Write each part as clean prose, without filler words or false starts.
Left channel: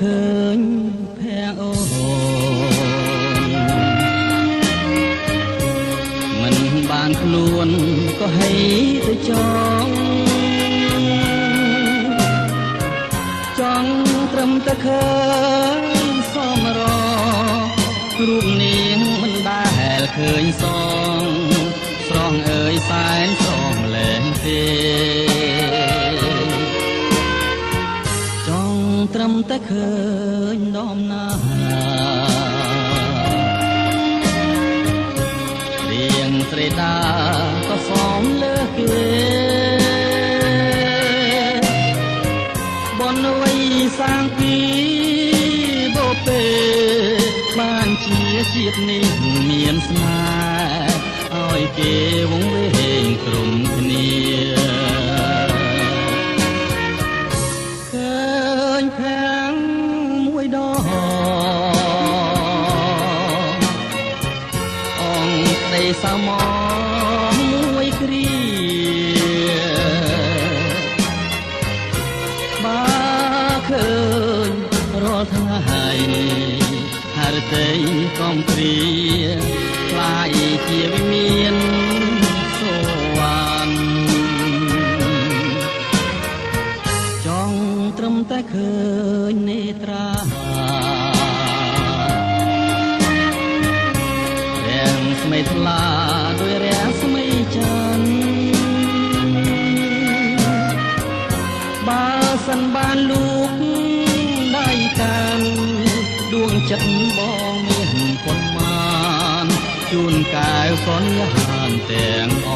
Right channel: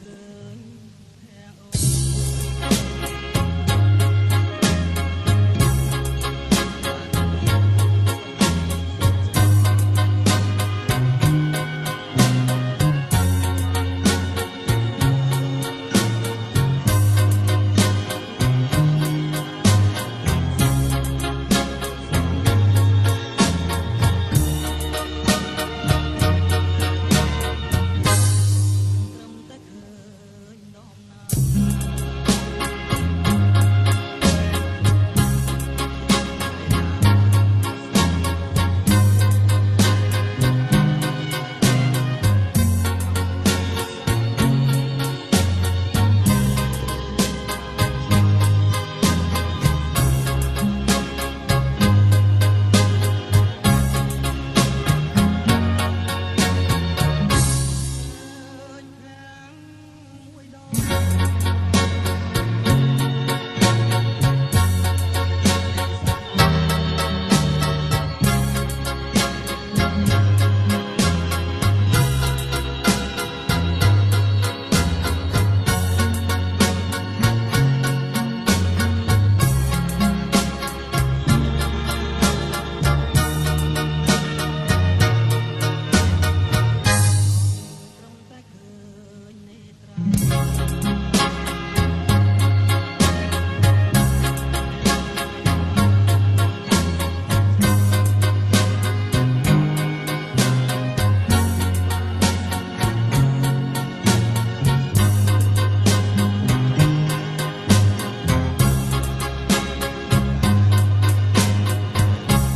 ឃើញភែអូមិនបានខ្លួនក៏ហីទៅចង់ត្រឹមតែឃើញសមររូបនាងមិនដែលឃើញស្រងអើយសែនស្រងលែងទេត្រឹមតែឃើញនំណារៀងត្រេតាក៏សមលើគេបនវ័យសាងពីបូពេបានជាជាតិនេះមានស្នេហ៍ឲ្យគេវងវែងក្រុមគ្នាឃើញផាំងមួយដងអងក្តីសោមមួយគ្រាបើឃើញរាល់ថ្ងៃហៅទៅកំព្រាខ្លាយជាមានសូវ៉ាន់ចង់ត្រឹមតែឃើញនេត្រារាំងស្មីថ្លាដោយរាំងស្មីច័ន្ទបើសិនបានលោកដៃកាន់ដួងចិត្តបងមានប្រមាណជូនកែវសន្យាទាំងអ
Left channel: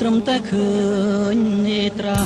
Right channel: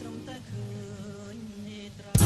ត្រឹមតែឃើញនេត្រា